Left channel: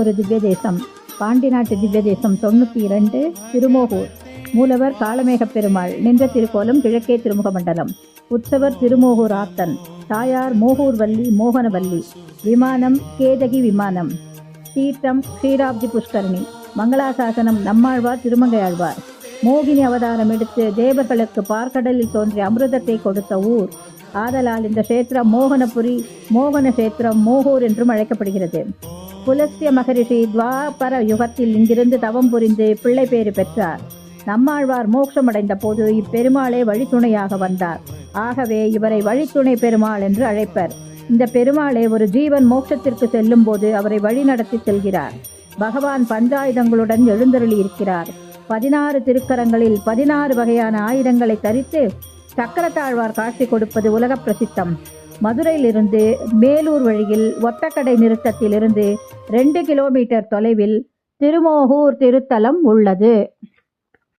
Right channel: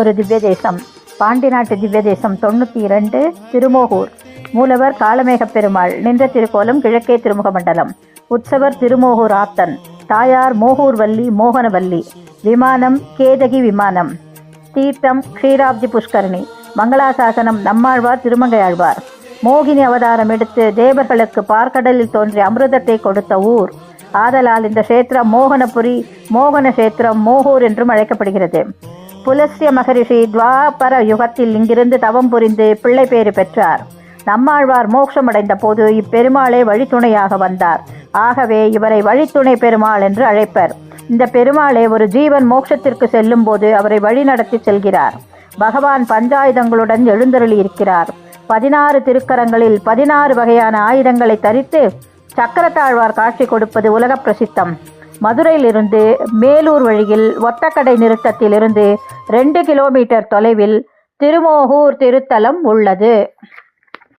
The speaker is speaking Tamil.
ஒரு திவ்ய தேசம். பாண்டி நாட்டு திவ்ய தேசம் 92. திருமோகூர். மூலவர் காளமேகப் பெருமாள். நின்ற திருக்கோலம் கிழக்கே திருமுக மண்டலம். உற்சவர் திருமோகூர் ஆத்தன். தாயார் மோகூர் வள்ளி மோகனவல்லி. விமானம் கேதகி விமானம். தீர்த்தம் க்ஷீராப்தி புஷ்கரணி. மங்களாசாசனம் நம்மாழ்வார் திருமங்கையாழ்வார். மோகினி அவதாரம் எடுத்து தேவர்களுக்கு பார்க்கடலில் தோன்றிய அமிர்தத்தை கொடுத்த ஊர். ஆதலால் இந்த கஷேத்திரம் மோகனபுரி, மோகன கஷேத்திரம், மோகூர் என்றும் அழைக்கப்படுகிறது. புலஸ்திய மகரிஷி துவாபர யுகத்தில் இங்கிருந்து தவம் புரிந்து பிள்ளை பேறு பெற்றார். நம்மாழ்வார் மோட்சமடைந்த போது இப்பெருமாளே வழித்துணையாக வந்தார். ஆகவே இவரை வழித்துணை பெருமாள் என்று அழைப்பர். இந்த பெருமாளே ஒரு ஜீவன் மோட்சத்திற்கு செல்லும் போது அவரை வழி நடத்தி செல்கிறார். பகவான் பஞ்சாயுதங்களுடன் எழுந்தருளி இருக்கிறார். 16 திருக்கரங்களில் 16 வகையான ஆயுதங்களை தரித்து சக்கரத்தாழ்வார் காட்சி கொடுப்பது உலக பிரசித்தம். மதுரையிலிருந்து மேலூர் வழியில் ஒத்தக்கடை நிறுத்தத்திலிருந்து 2 கிலோமீட்டர் தொலைவில் திருமோகூர் திருத்தலம் உள்ளது.